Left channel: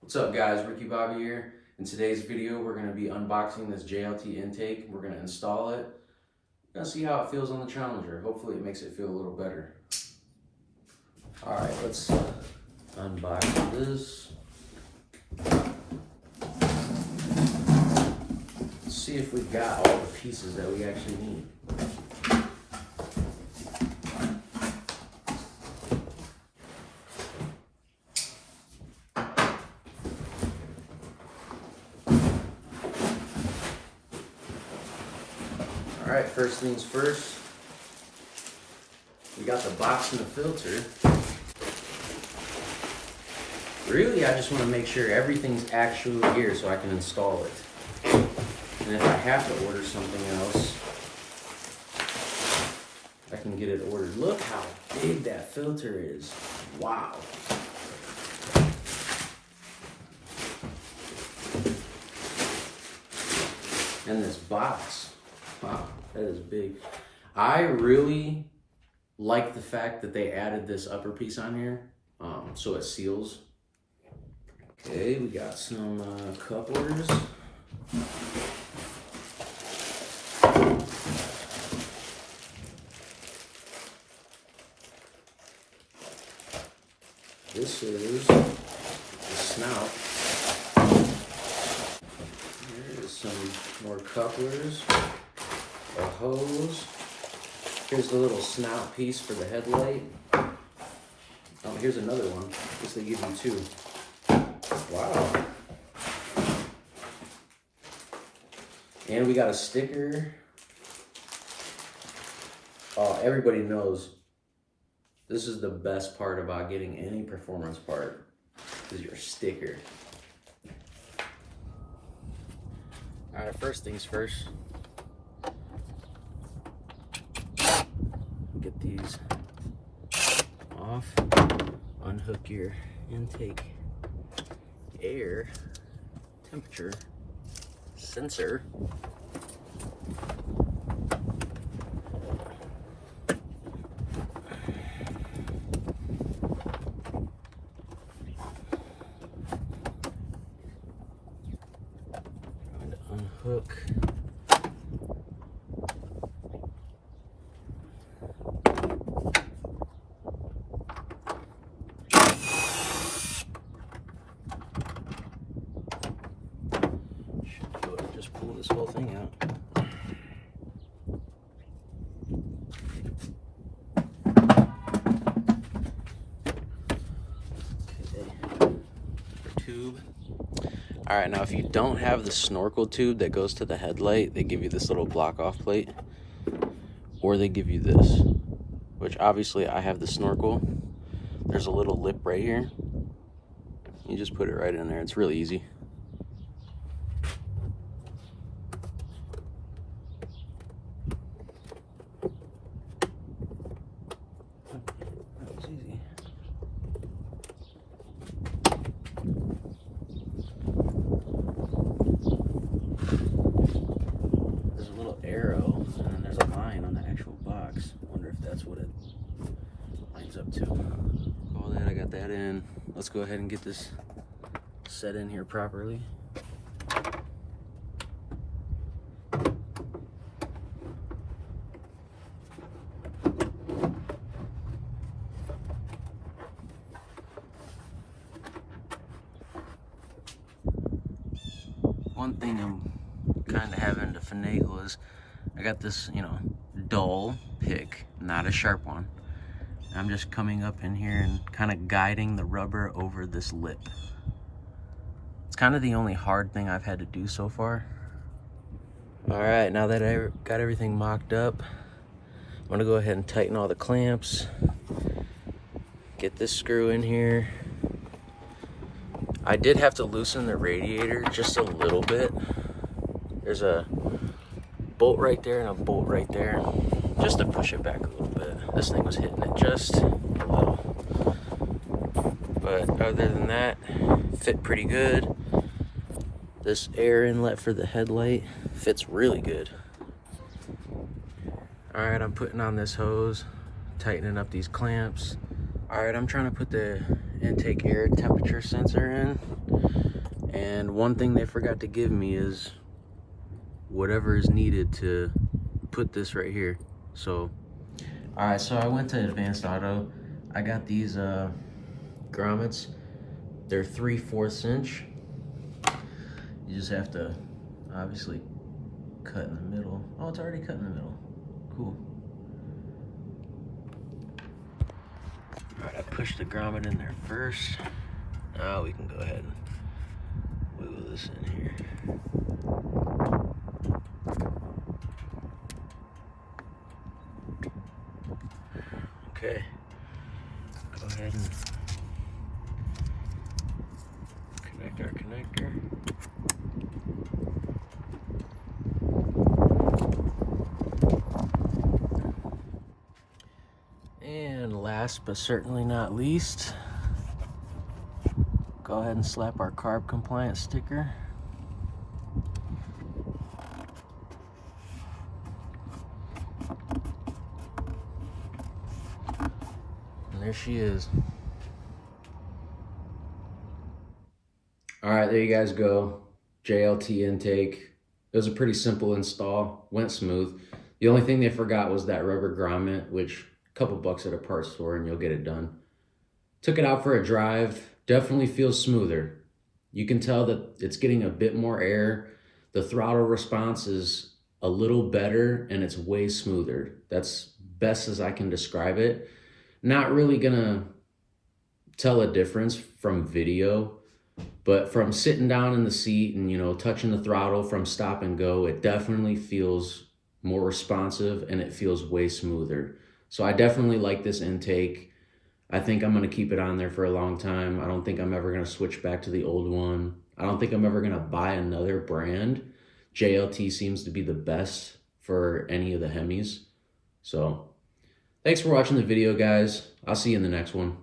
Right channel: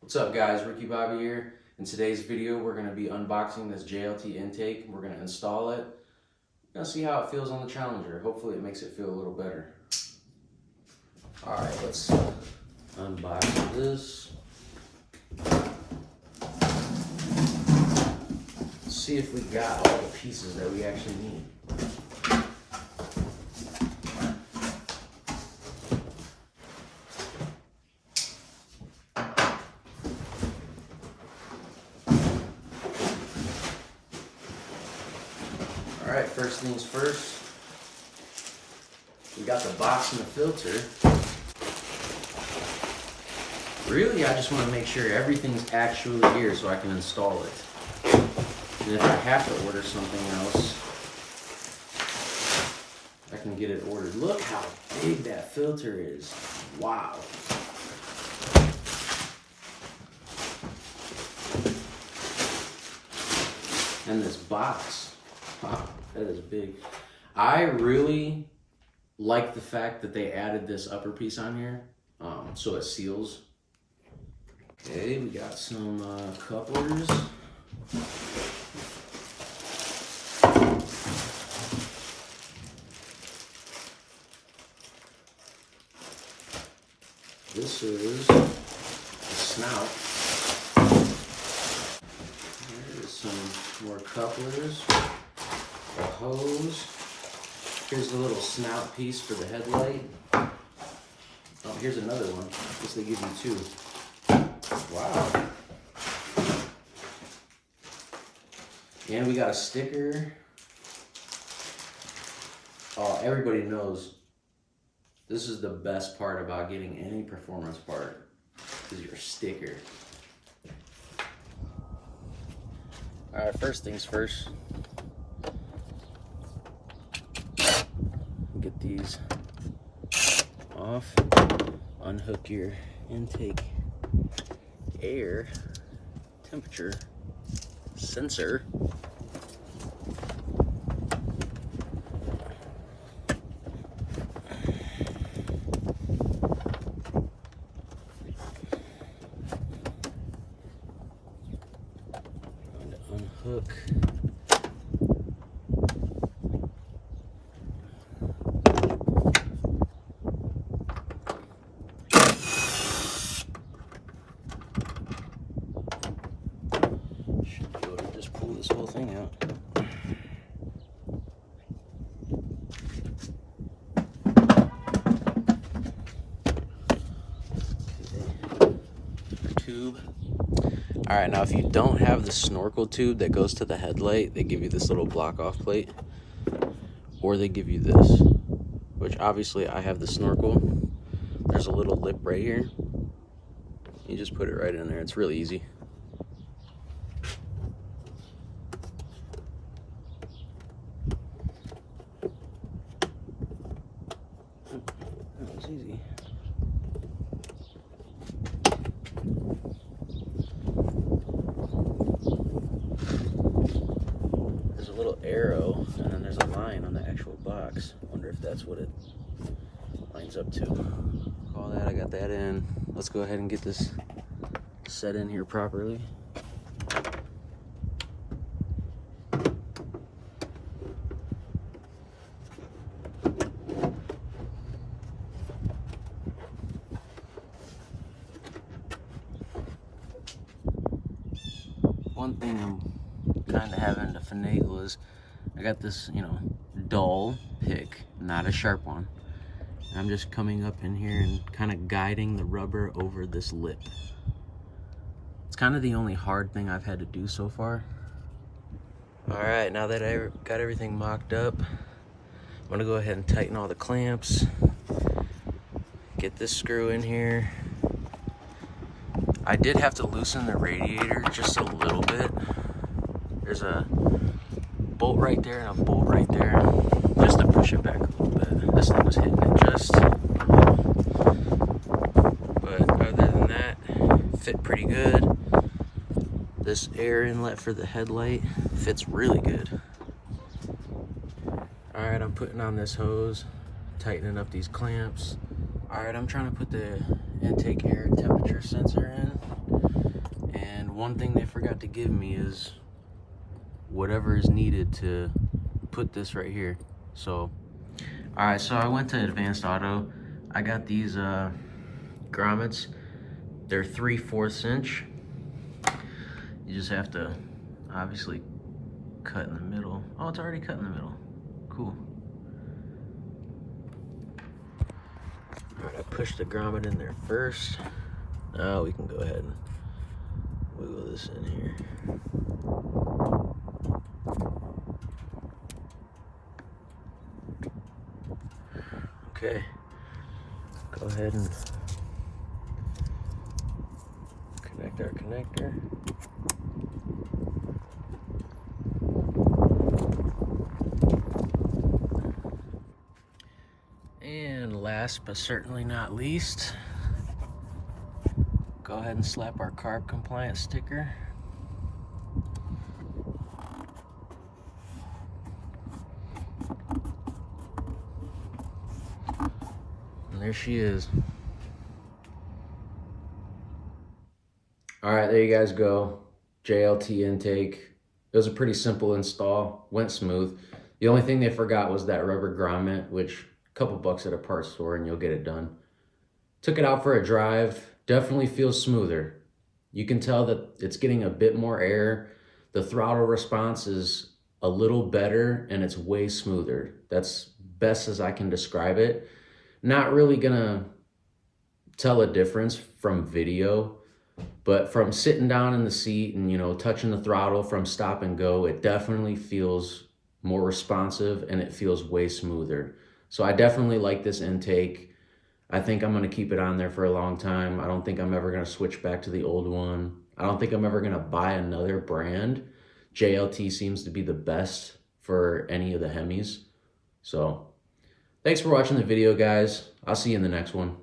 What's up guys, Ricky Bobby here. In today's video we're going to be unboxing this JLT intake. We're going to install it. We're going to see how it feels on the Challenger. Hopefully it makes it feel a little better. Alright, let's unbox this. Let's see if we got all the pieces that we actually need. Alright, first things first, we got the box and the filter. Really, I just want to make sure everything's actually here so I can install it. And if I have to order something else, I can get it ordered. Look how big that filter is. Wow. And this box. Wow, that is big. I really like the fact that they added this upper piece on here, so it seals. Okay, we got some couplers. This is the snout. Here's some more couplers. A hose. Here's the little snout piece for the headlight. Oh, here's another one. This they give you two. Wow. And we got a sticker. Oh, everybody knows this is the best part about getting any performance part, is your sticker. All right, first things first. Get these off, unhook your intake air temperature sensor. And unhook pull this whole thing out. Okay, your tube. All right, now if you don't have the snorkel tube that goes to the headlight, they give you this little block off plate, or they give you this, which obviously I have the snorkel. There's a little lip right here. You just put it right in there. It's really easy. That was easy. There's a little arrow, and then there's a line on the actual box. Wonder if that's what it lines up to. All that, I got that in. Let's go ahead and get this set in here properly. One thing I'm kind of having to finagle is I got this, dull pick, not a sharp one. And I'm just coming up in here and kind of guiding the rubber over this lip. It's kind of the only hard thing I've had to do so far. All right, now that I got everything mocked up, I'm gonna go ahead and tighten all the clamps, get this screw in here. I did have to loosen the radiator just a little bit. There's a bolt right there and a bolt right there, just to push it back a little bit. This thing was hitting it just a little. But other than that, fit pretty good. This air inlet for the headlight fits really good. All right, I'm putting on this hose, tightening up these clamps. All right, I'm trying to put the intake air temperature sensor in. And one thing they forgot to give me is whatever is needed to put this right here. So, all right, so I went to Advanced Auto. I got these grommets. They're 3/4 inch. You just have to obviously cut in the middle. Oh, it's already cut in the middle. Cool. All right, I pushed the grommet in there first. Now we can go ahead and wiggle this in here. Okay, go ahead and connect our connector. And last but certainly not least, go ahead and slap our carb compliant sticker. And there she is. All right, there you guys go. JLT intake. It was a pretty simple install, went smooth. The only thing they forgot was that rubber grommet, which a couple bucks at a parts store and you'll get it done. Took it out for a drive, definitely feels smoother. You can tell that it's getting a bit more air. The throttle response is a little better and it's way smoother. That's best as I can describe it. Not really gonna tell a difference from video, but from sitting down in the seat and, you know, touching the throttle from stop and go, it definitely feels more responsive and it feels way smoother. So I definitely like this intake. I think I'm gonna keep it on there for a long time. I don't think I'm ever gonna switch back to the old one. I don't think I'm ever gonna buy another brand. JLT seems to be the best for any of the Hemis. So thanks for watching the video, guys. I'll see you in the next one.